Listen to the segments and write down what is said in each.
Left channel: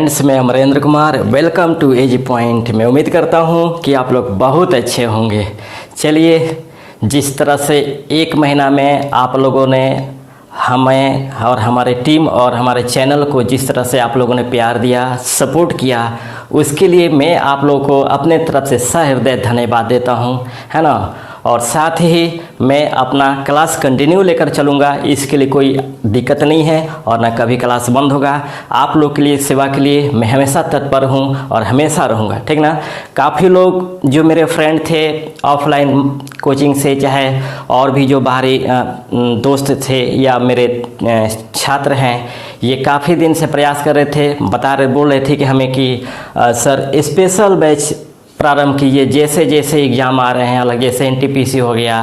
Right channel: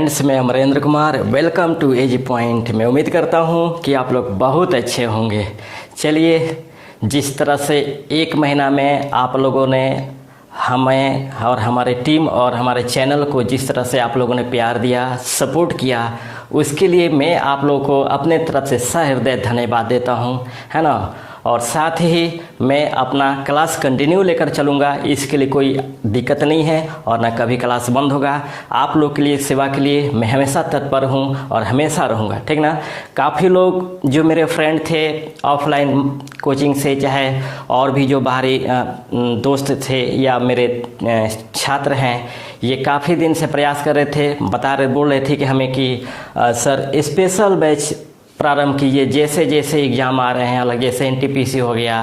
Friends, मैं Amarendra Kumar, welcome to AG point. मैं उम्मीद करता हूँ कि आप लोग बहुत अच्छे होंगे। चलिए, जिस तरह से एक महीना में आप लोगों ने हमें और हमारे टीम और हमारे चैनल को जिस तरह से आप लोगों ने प्यार दिया, सपोर्ट किया, उसके लिए मैं आप लोगों को अपने तरफ से सहृदय धन्यवाद देता हूँ, है ना। और साथ ही मैं अपना क्लास कंटिन्यू लेकर चलूँगा, इसके लिए कोई दिक्कत नहीं है और ना कभी क्लास बंद होगा। आप लोग के लिए, सेवा के लिए मैं हमेशा तत्पर हूँ और हमेशा रहूँगा, ठीक ना। काफ़ी लोग जो मेरे फ्रेंड थे ऑफलाइन कोचिंग से, चाहे और भी जो बाहरी दोस्त थे या मेरे छात्र हैं, ये काफ़ी दिन से प्रयास कर रहे थे, बोल रहे थे कि हमें कि सर स्पेशल बैच प्रारंभ कीजिए। जैसे जैसे एग्ज़ाम आ रहे हैं, अलग जैसे एनटीपीसी हो गया,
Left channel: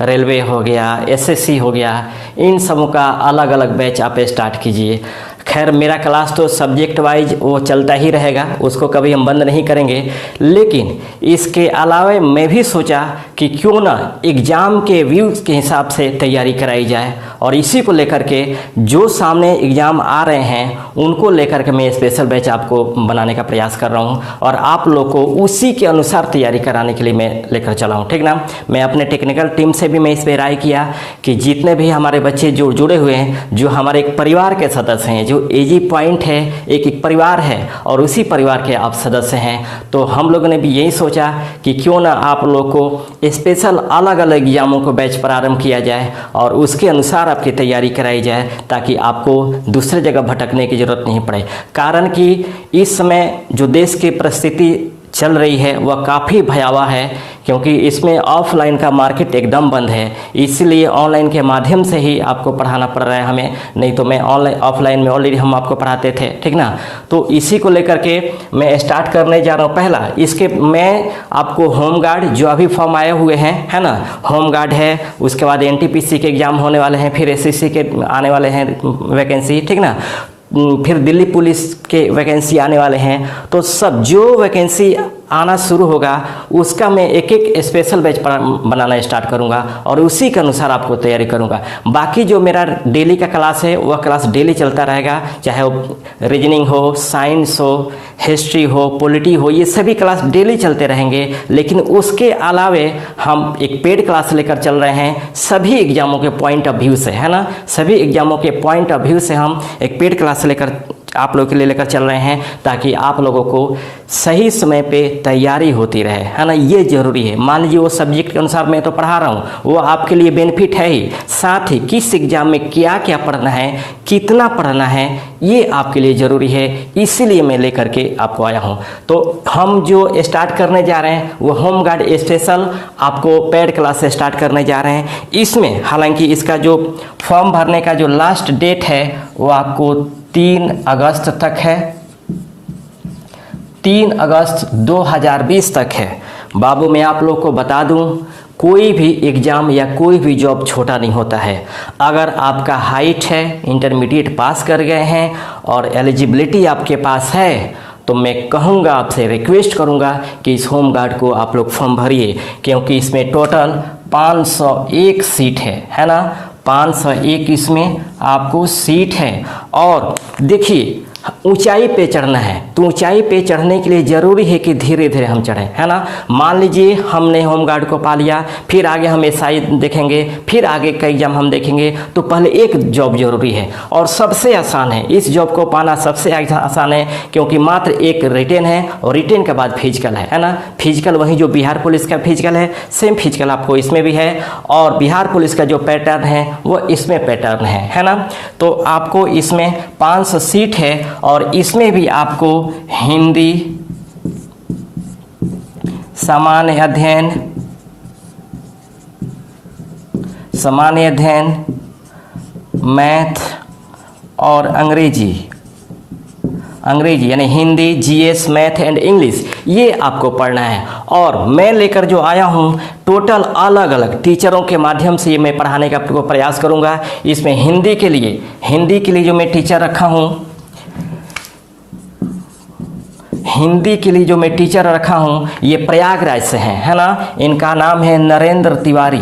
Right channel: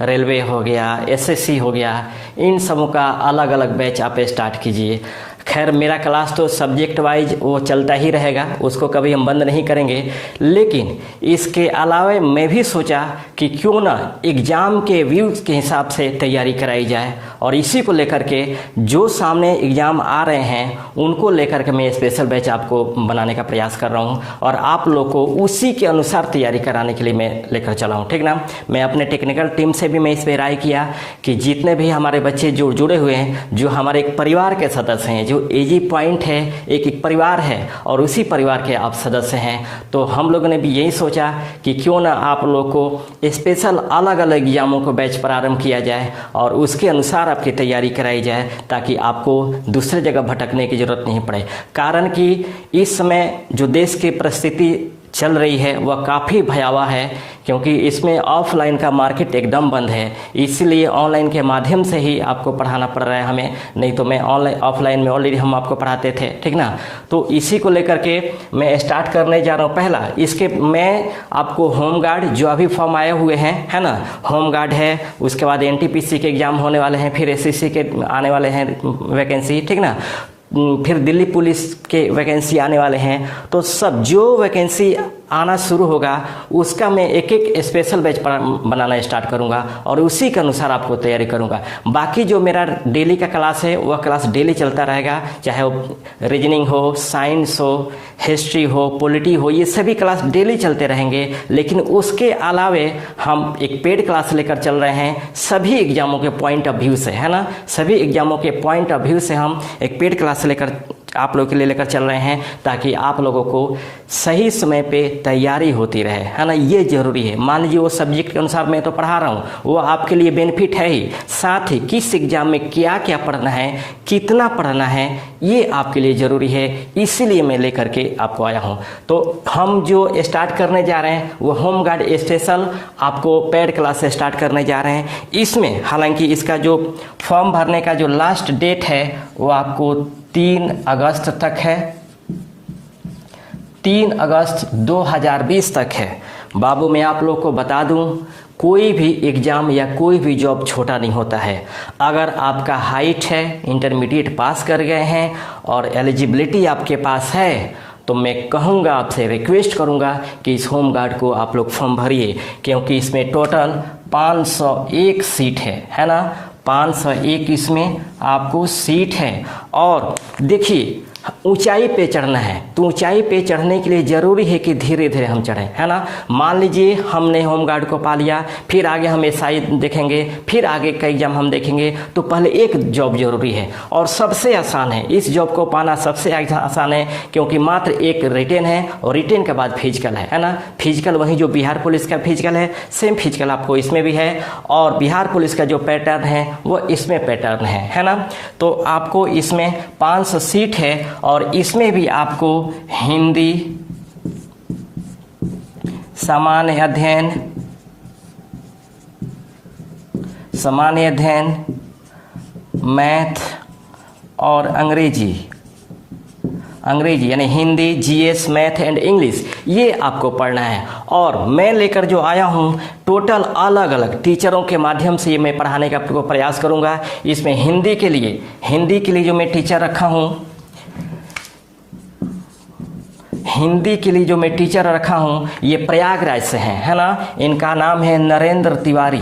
रेलवे हो गया, एसएससी हो गया, इन सबों का अलग अलग बैच आप स्टार्ट कीजिए। खैर, मेरा क्लास तो सब्जेक्ट वाइज वो चलता ही रहेगा, उसको कभी हम बंद नहीं करेंगे। लेकिन इसके अलावा मैं भी सोचा कि क्यों ना एग्ज़ाम के व्यूज़ के हिसाब से तैयारी कराई जाए, और इसी को लेकर के जो सामने एग्ज़ाम आ रहे हैं उनको लेकर के मैं स्पेशल बैच आपको बनाने का प्रयास कर रहा हूं, और आप लोग को उसी के अनुसार तैयारी कराने के लिए मैं लेकर चला हूं, ठीक ना। मैं अपने टेक्निकल टीम से भी मैं इस पर राय किया कि जितने भी हमारे बच्चे जो जुड़े हुए हैं, जो हमारे एक परिवार के सदस्य हैं, जो एजी पॉइंट है एक परिवार है और उसी परिवार के आप सदस्य हैं, तो हम लोगों ने भी यही सोचा कि क्यों ना आप लोग को स्पेशल अलग अलग एग्जामों को बैच प्रारंभ किया जाए और उसके अनुसार आपकी तैयारी कराई जाए, ताकि आपको दूसरे जगह भटकने की जरूरत नहीं पड़े। कारण कि इस समय जो देश की परिस्थिति चल रही है वह काफ़ी भयावह है, क्योंकि इसमें ऑफलाइन का मार्केट एकदम बंद है, इसलिए ऑनलाइन के माध्यम से ही आपको पढ़ाना पड़ रहा है हमें, नहीं तो मैं ऑफलाइन में ऑलरेडी हम आपको पढ़ाते थे, ठीक ना। तो इसी को लेकर के मैं स्टार्ट करने जा रहा हूँ। पहला इसके मैं आपको होम गार्ड जो अभी फॉर्म आए हुए हैं, है ना, होम गार्ड है, उसके बाद एनटीपीसी के एग्जाम होने वाले हैं, फिर एसएससी के आने वाले हैं वैकेंसी, ठीक ना, फिर दिल्ली पुलिस के वैकेंसी आने वाले हैं। तो सब जो वैकेंसी आना शुरू होगा उसका मैं एक एक स्पेशल बैच बनाना स्टार्ट करूंगा और उसी के अनुसार आपको तैयारी करूंगा। बाकी जो मेरा डेली का क्लास है वह क्लास डेली चलता रहेगा, चाहे वो रीजनिंग हो, साइंस हो, हिस्ट्री हो, पॉलिटी हो, ये सभी क्लास डेली चलते रहेंगे। लेकिन उसके अलावे हम एक पेड क्लास लेकर चल रहे हैं सभी एग्जामों के पॉइंट ऑफ व्यू से, है ना। सभी एग्जामों के पॉइंट ऑफ व्यू से हम एक पेड क्लास लेकर आप लोगों के लिए लेकर चल रहे हैं, ताकि आप लोगों को सही समय पे तैयारी होती रहे, है ना। ये जरूरी है। मान लीजिए वो सब्जेक्ट के अनुसार मैं तो पढ़ा रहा हूँ, वो आपके लिए बेनिफिट है ही, साथ ही किस एग्जाम में क्या क्या पढ़ना है, कितना पढ़ना है, ये आपके लिए जरूरी है। इसीलिए मैं लेकर के आपको आया हूँ। तो हम जो स्टार्ट करने जा रहे हैं वो होम गार्ड स्पेशल आपको पेड क्लास से स्टार्ट करने जा रहे हैं। इसमें हालांकि इसका जो फॉर्म भरने का जो लास्ट डेट है वो आपको 3 अगस्त तक है, 3 अगस्त 2020 तक है। बाबू, मैं आप लोग को बता दूं, कोई भी एग्ज़ाम या कोई भी जॉब छोटा नहीं होता है। अगर आपका हाइट है, इंटरमीडिएट पास कर गए हैं और एलिजिबिलिटी आपके पास है, तो मैं कहूँगा, आपसे रिक्वेस्ट करूँगा कि इस होम गार्ड को आप लोग फॉर्म भरिए, क्योंकि इसमें टोटल 501 सीट है ना। 501 इसमें आपको सीट है। और देखिए, ऊंचाई पे चढ़ना है, तो ऊंचाई पे चढ़ने के लिए ज़रूरी है कि धीरे धीरे हम चढ़ें, है ना। मान लीजिए हमने होम गार्ड को पा लिया, फिर आगे हम एसआई देखेंगे, फिर आगे का एग्जाम हम देखेंगे, तो पहले एक जॉब जरूरी है और सबसे आसान है। इस जॉब को पाना सबसे आसान है, क्योंकि मात्र एक रिटेन है और रिटेन के बाद फिजिकल है ना। फिजिकल वही जो बिहार पुलिस का फिजिकल है, सेम फिजिकल आपको इसमें भी है, और बिहार पुलिस का जो पैटर्न है वो इसमें पैटर्न है ना। तो आपको इसमें 500 सीट है, और इसमें भी आपको हिंदी, सामान्य अध्ययन, मैथ और अंग्रेजी यानी Hindi, GS, math and English, ये आपको पढ़ना है। और मैं लेकर जो आया हूँ टोटल अलग अलग टीचरों के माध्यम से ये मैं पढ़ाने का प्रयास करूँगा। इसमें हिंदी के लिए जो मैं टीचर रखा हूँ, हिंदी के लिए जो मैं टीचर रखा हूँ ये प्रयागराज से हैं, है ना। इनका नाम है नरेंद्र तिवारी।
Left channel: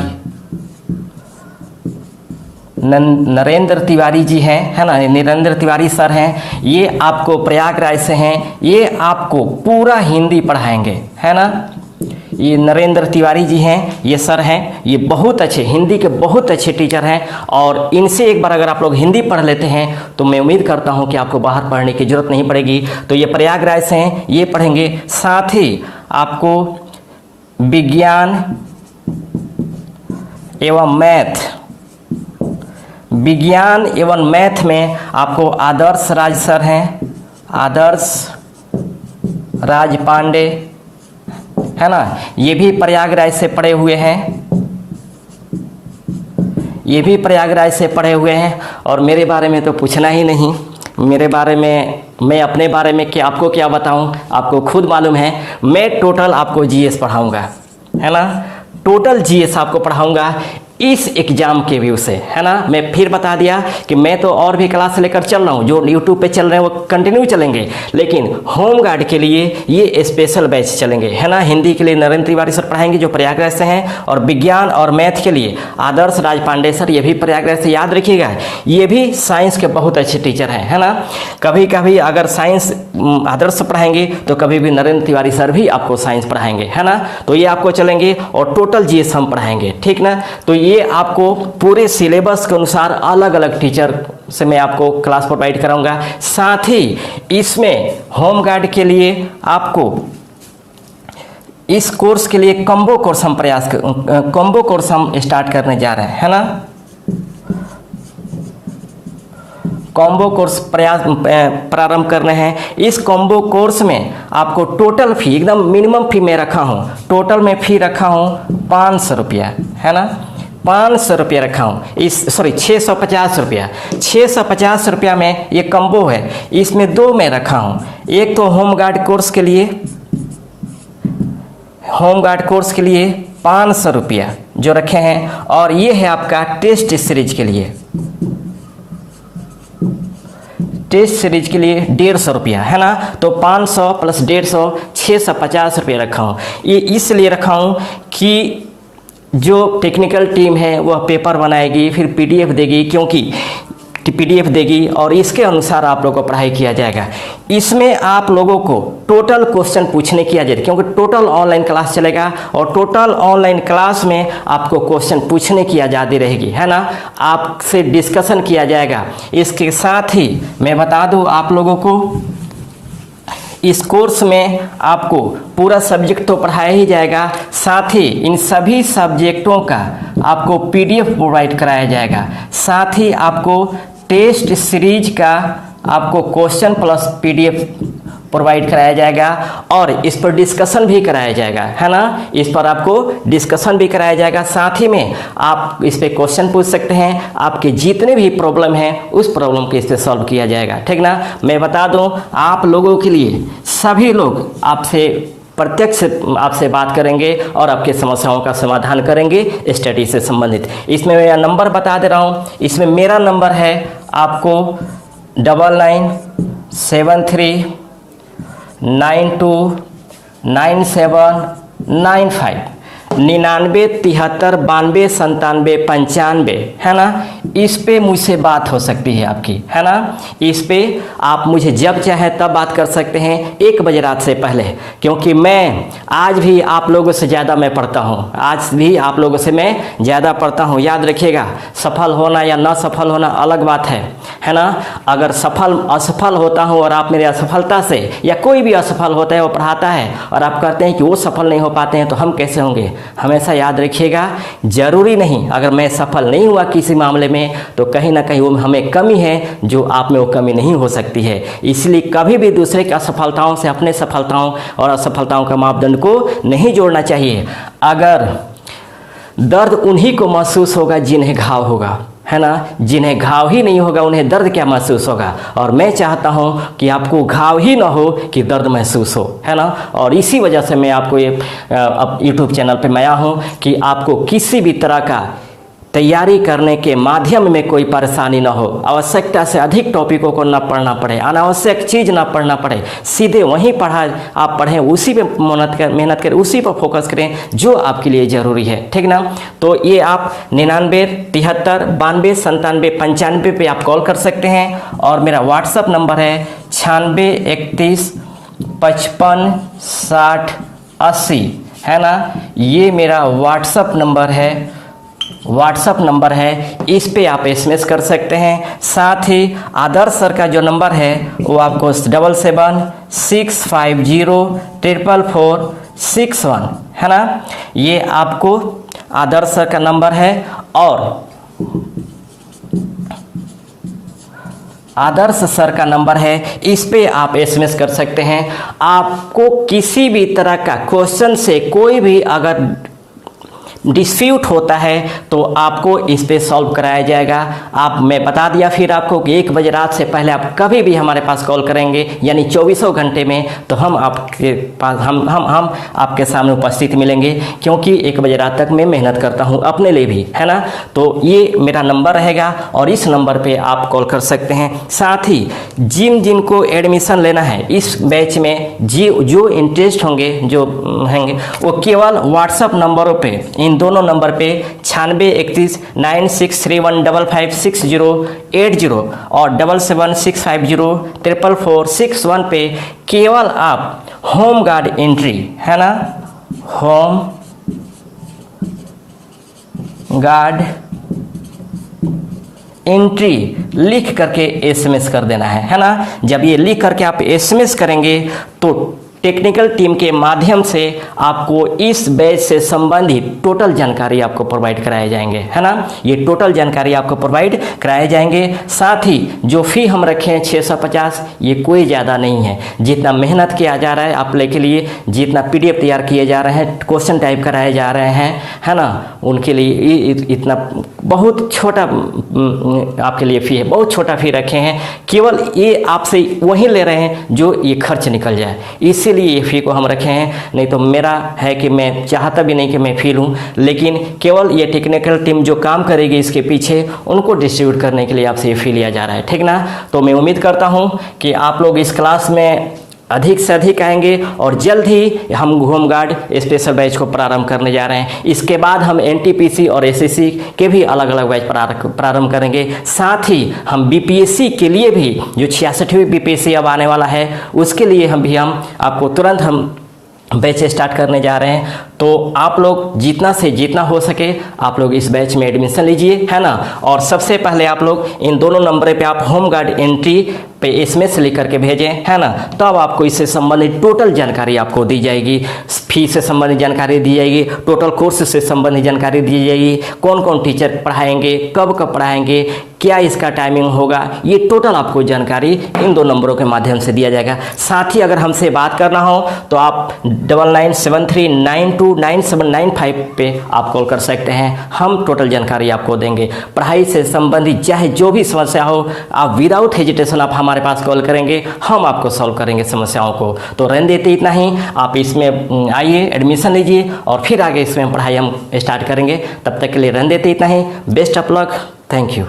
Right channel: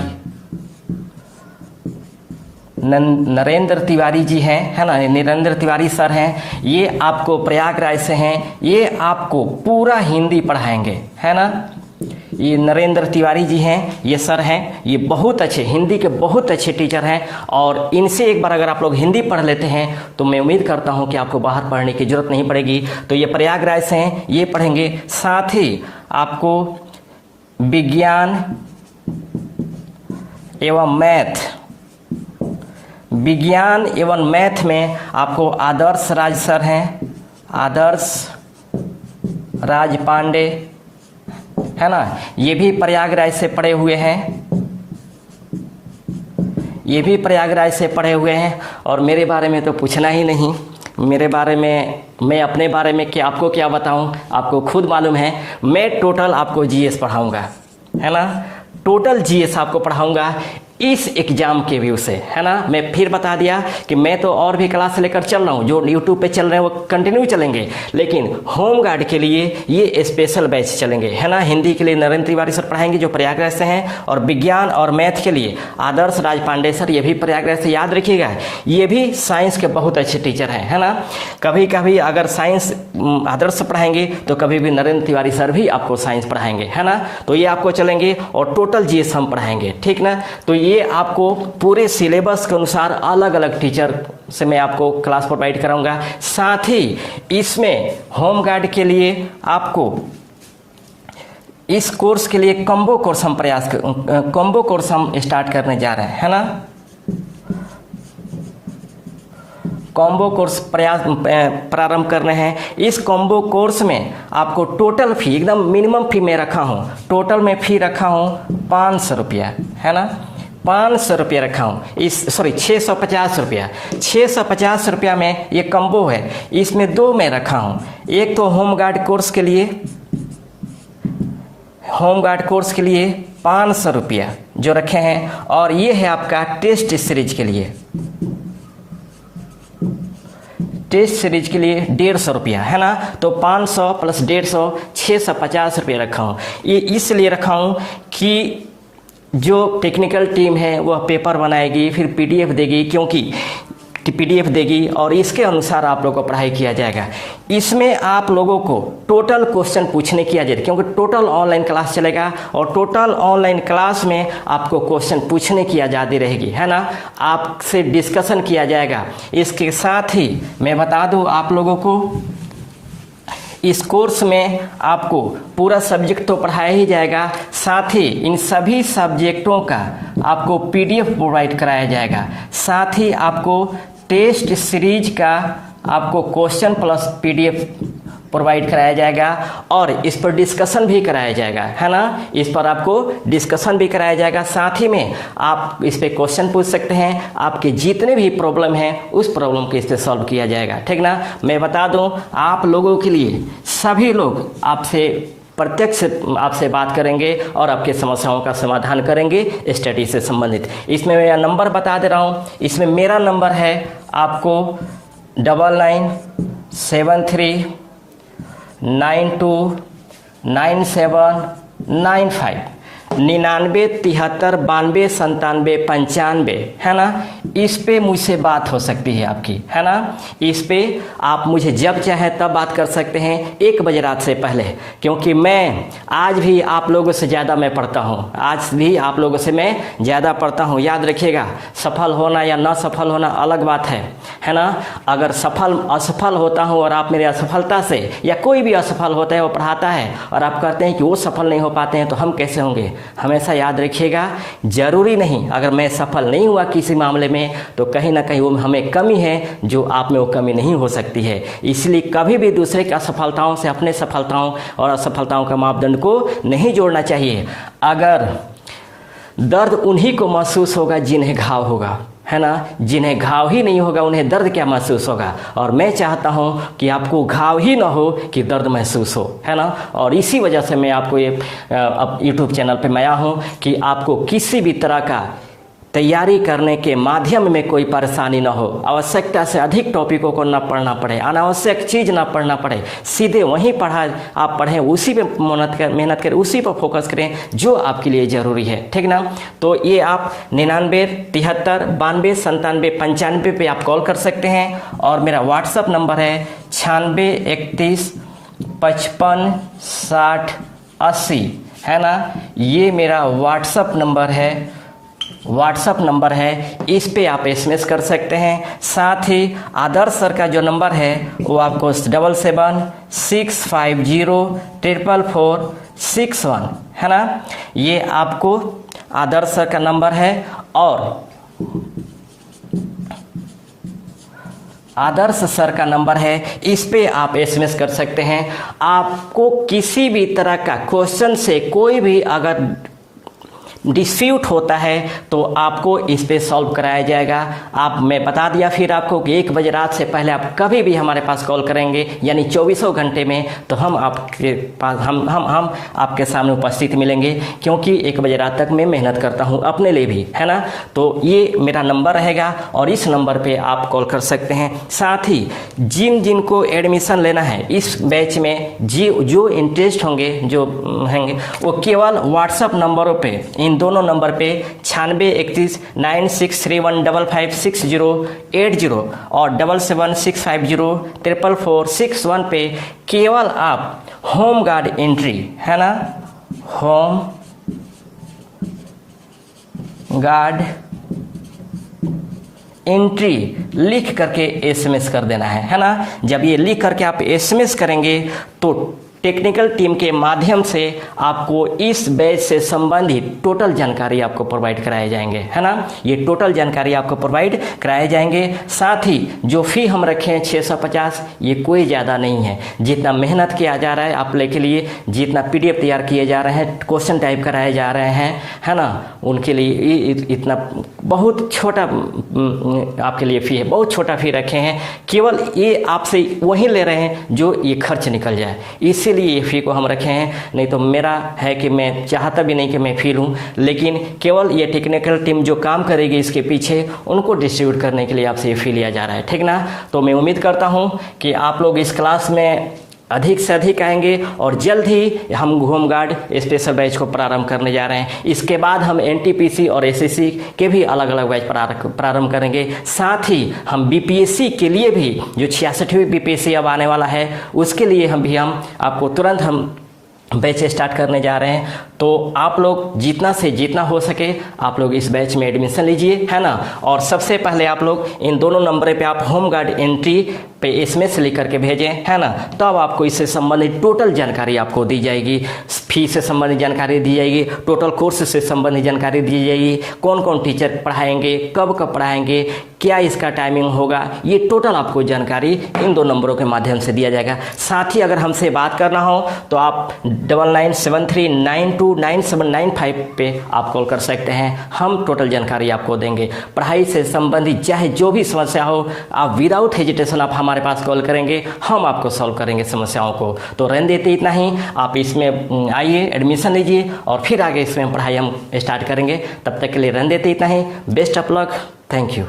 नरेंद्र तिवारी जी हैं, है ना, नरेंद्र तिवारी सर हैं, ये आपको प्रयागराज से हैं, ये आपको पूरा हिंदी पढ़ाएंगे, है ना। ये नरेंद्र तिवारी जी हैं, ये सर हैं, ये बहुत अच्छे हिंदी के बहुत अच्छे टीचर हैं, और इनसे एक बार अगर आप लोग हिंदी पढ़ लेते हैं तो मैं उम्मीद करता हूं कि आपको बाहर पढ़ने की जरूरत नहीं पड़ेगी। तो ये प्रयागराज से हैं, ये पढ़ेंगे। साथ ही आपको विज्ञान एवं मैथ में आपको आदर्श राज सर हैं, आदर्श राज पांडे, है ना, ये भी प्रयागराज से पढ़े हुए हैं, ये भी प्रयागराज से पढ़े हुए हैं। और मेरे बारे में तो पूछना ही नहीं, मेरे बारे में, मैं अपने बारे में क्या आपको क्या बताऊं, आपको खुद मालूम है। मैं टोटल आपको जीएस पढ़ाऊंगा, है ना, टोटल जीएस आपको पढ़ाऊंगा इस एग्जाम के व्यू से, है ना। मैं फिर बता दिया कि मैं तो और भी क्लास लेकर चल रहा हूँ, जो यूट्यूब पे चल रहे हैं वो कंटिन्यू चलेंगे, लेकिन होम गार्ड के लिए ये स्पेशल बैच चलेंगे, है ना। हिंदी के लिए नरेंद्र तिवारी सर पढ़ाएंगे जो प्रयागराज से हैं, और विज्ञान और मैथ के लिए आदर्श राज पांडे सर, ये भी प्रयागराज से, याद रखिएगा, ये भी साइंस के बहुत अच्छे टीचर हैं, है ना। कभी कभी अगर साइंस आदर्श पढ़ाएंगे तो कभी भी नरेंद्र तिवारी सर भी आपको साइंस पढ़ाएंगे, है ना। तो ये आपको चलेंगे, और टोटल जीएस हम पढ़ाएंगे, ठीक ना। तो ये आपको पूरे सिलेबस के अनुसार अलग अलग टीचर से मैं आपको क्लास प्रोवाइड कराऊंगा। साथ ही इसमें होम गार्ड के लिए आपको इस कोर्स के लिए कॉम्बो कोर्स हम स्टार्ट करने जा रहे हैं, है ना। कॉम्बो कोर्स प्रारंभ करने हैं। इस कॉम्बो कोर्स में आपको टोटल फी, एकदम मिनिमम फी मैं रखा हूँ, टोटल में फी रखा हूँ 500 रुपया, है ना, 500 रुपया रखा हूँ। 650 रुपया, 650 रुपया में ये कॉम्बो है। इसमें दो मैं रखा हूँ, एक तो होम गार्ड कोर्स के लिए 500 रुपया जो रखे हैं, और ये है आपका टेस्ट सीरीज के लिए, टेस्ट सीरीज के लिए 150 रुपया, है ना। तो 500 प्लस 150, 650 रुपया रखा हूँ। ये इसलिए रखा हूँ कि जो टेक्निकल टीम है वह पेपर बनाएगी, फिर पीडीएफ देगी, क्योंकि पीडीएफ देगी, और इसके अनुसार आप लोगों को पढ़ाई किया जाएगा। इसमें आप लोगों को टोटल क्वेश्चन पूछने की आज़ादी, क्योंकि टोटल ऑनलाइन क्लास चलेगा, और टोटल ऑनलाइन क्लास में आपको क्वेश्चन पूछने की आज़ादी रहेगी, है ना। आपसे डिस्कशन किया जाएगा। इसके साथ ही मैं बता दूं आप लोगों को, इस कोर्स में आपको पूरा सब्जेक्ट तो पढ़ाया ही जाएगा, साथ ही इन सभी सब्जेक्टों का आपको पीडीएफ प्रोवाइड कराया जाएगा, साथ ही आपको टेस्ट सीरीज का आपको क्वेश्चन प्लस पीडीएफ प्रोवाइड कराया जाएगा, और इस पर डिस्कशन भी कराया जाएगा, है ना। इस पर आपको डिस्कशन भी कराया जाएगा। साथ ही में आप इस पे क्वेश्चन पूछ सकते हैं, आपके जितने भी प्रॉब्लम हैं उस प्रॉब्लम को इस पे सॉल्व किया जाएगा, ठीक ना। मैं बता दूं आप लोगों के लिए, सभी लोग आपसे प्रत्यक्ष आपसे बात करेंगे और आपके समस्याओं का समाधान करेंगे स्टडी से संबंधित। इसमें मैं नंबर बता दे रहा हूँ, इसमें मेरा नंबर है आपको 9973929795, 99 73 92 97 95, है ना। इस पे मुझसे बात हो सकती है आपकी, है ना। इस पे आप मुझे जब चाहे तब बात कर सकते हैं, 1 बजे रात से पहले, क्योंकि मैं आज भी आप लोगों से ज़्यादा मैं पढ़ता हूँ, आज भी आप लोगों से मैं ज़्यादा पढ़ता हूँ। याद रखिएगा, सफल होना या न सफल होना अलग बात है ना। अगर असफल होता हूँ और आप मेरी असफलता से, या कोई भी असफल होता है वो पढ़ाता है और आप कहते हैं कि वो सफल नहीं हो पाते हैं, तो हम कैसे होंगे। हमेशा याद रखिएगा, जरूरी नहीं अगर मैं सफल नहीं हुआ किसी मामले में तो कहीं ना कहीं वो हमें कमी है जो आप में वो कमी नहीं हो सकती है। इसलिए कभी भी दूसरे की असफलताओं से अपने सफलताओं और असफलताओं का मापदंड को नहीं जोड़ना चाहिए। अगर दर्द उन्हीं को महसूस होगा जिन्हें घाव होगा, है ना। जिन्हें घाव ही नहीं होगा उन्हें दर्द क्या महसूस होगा। और मैं चाहता हूं कि आपको घाव ही ना हो कि दर्द महसूस हो, है ना। और इसी वजह से मैं आपको ये यूट्यूब चैनल पे मैं आया हूं कि आपको किसी भी तरह का तैयारी करने के माध्यम में कोई परेशानी ना हो, आवश्यकता से अधिक टॉपिकों को ना पढ़ना पड़े, अनावश्यक चीज़ ना पढ़ना पड़े, सीधे वहीं पढ़ा आप पढ़ें, उसी पे मेहनत करें, उसी पर फोकस करें जो आपके लिए ज़रूरी है, ठीक ना। तो ये आप 99 73 92 97 95 पे आप कॉल कर सकते हैं और मेरा व्हाट्सअप नंबर है 96 31 55 60 80, है ना। ये मेरा व्हाट्सअप नंबर है, इस पे आप एसएमएस कर सकते हैं। साथ ही आदर्श सर का जो नंबर है वो आपको 77 650 444 61, है ना। ये आपको आदर्श सर का नंबर है और आदर्श सर का नंबर है, इस पे आप एसएमएस कर सकते हैं। आपको किसी भी तरह का क्वेश्चन से कोई भी अगर डिस्प्यूट होता है तो आपको इस पे सॉल्व कराया जाएगा। मैं बता दिया फिर आपको कि 1 बजे रात से पहले आप कभी भी हमारे पास कॉल करेंगे, यानी 24 घंटे में, तो हम आपके पास हम आपके सामने उपस्थित मिलेंगे, क्योंकि 1 बजे रात तक मैं मेहनत करता हूं अपने लिए भी, है ना। तो ये मेरा नंबर रहेगा और इस नंबर पे आप कॉल कर सकते हैं। साथ ही जिनको एडमिशन लेना है इस बैच में, जो इंटरेस्ट होंगे वो केवल व्हाट्सअप नंबरों पे, इन दोनों नंबर पे 96 31 9631 55 6080 और 77 650 444 61 पे केवल आप होम गार्ड एंट्री, है ना, होम गार्ड एंट्री लिख करके एसएमएस कर देना है ना। जब ये लिख करके आप एसएमएस करेंगे तो टेक्निकल टीम के माध्यम से आपको इस बैच से संबंधित टोटल जानकारी आपको प्रोवाइड कराए जाएंगे, है ना। ये टोटल जानकारी आपको प्रोवाइड कराए जाएंगे। साथ ही जो फी हम रखे हैं 650, ये कोई ज़्यादा नहीं है। जितना मेहनत किया जा रहा है आप लोग के लिए, जितना पीडीएफ तैयार किए जा रहे हैं, क्वेश्चन टाइप कराए जा रहे हैं, है ना, उनके लिए इतना बहुत छोटा आपके लिए फी है, बहुत छोटा फी रखे हैं। केवल ये आपसे वही ले रहे हैं जो ये खर्च निकल जाए, इसलिए ये फी को हम रखे हैं। नहीं तो मेरा है कि मैं चाहता भी नहीं कि मैं फी लूँ, लेकिन केवल ये टेक्निकल टीम जो काम करेगी इसके पीछे, उनको डिस्ट्रीब्यूट करने के लिए आपसे ये फी लिया जा रहा है, ठीक ना। तो मैं उम्मीद करता हूँ कि आप लोग इस क्लास में अधिक से अधिक आएंगे और जल्द ही हम होम गार्ड स्पेशल बैच को प्रारंभ करने जा रहे हैं। इसके बाद हम एनटीपीसी और एसएससी के भी अलग अलग बैच प्रारंभ करेंगे। साथ ही हम बीपीएससी के लिए भी, जो 66वीं बीपीएससी अब आने वाला है, उसके लिए हम आपको तुरंत हम बैच स्टार्ट करने जा रहे हैं। तो आप लोग जितना से जितना हो सके आप लोग इस बैच में एडमिशन लीजिए, है ना। और सबसे पहले आप लोग इन दोनों नंबर पे आप होम गार्ड एंट्री पे एसएमएस लिख करके भेजें, है ना। तब आपको इससे संबंधित टोटल जानकारी आपको दी जाएगी, फी से संबंधित जानकारी दी जाएगी, टोटल कोर्स से संबंधित जानकारी दी जाएगी, कौन कौन टीचर पढ़ाएंगे, कब कब पढ़ाएंगे, क्या इसका टाइमिंग होगा, ये टोटल आपको जानकारी इन 2 नंबरों के माध्यम से दिया जाएगा। साथ ही अगर हमसे बात करना हो तो आप 9973929795 पे आप कॉल कर सकते हैं, हम टोटल जानकारी आपको देंगे। पढ़ाई से संबंधित चाहे जो भी समस्या हो, आप विदाउट हेजिटेशन आप हमारे पास कॉल करेंगे, हम आपको सॉल्व करेंगे समस्याओं को। तो रहने देते इतना ही, आप इसमें आइए, एडमिशन लीजिए और फिर आगे इसमें पढ़ाई हम स्टार्ट करेंगे। तब तक के लिए रहने देते इतना ही। Best of luck, thank you.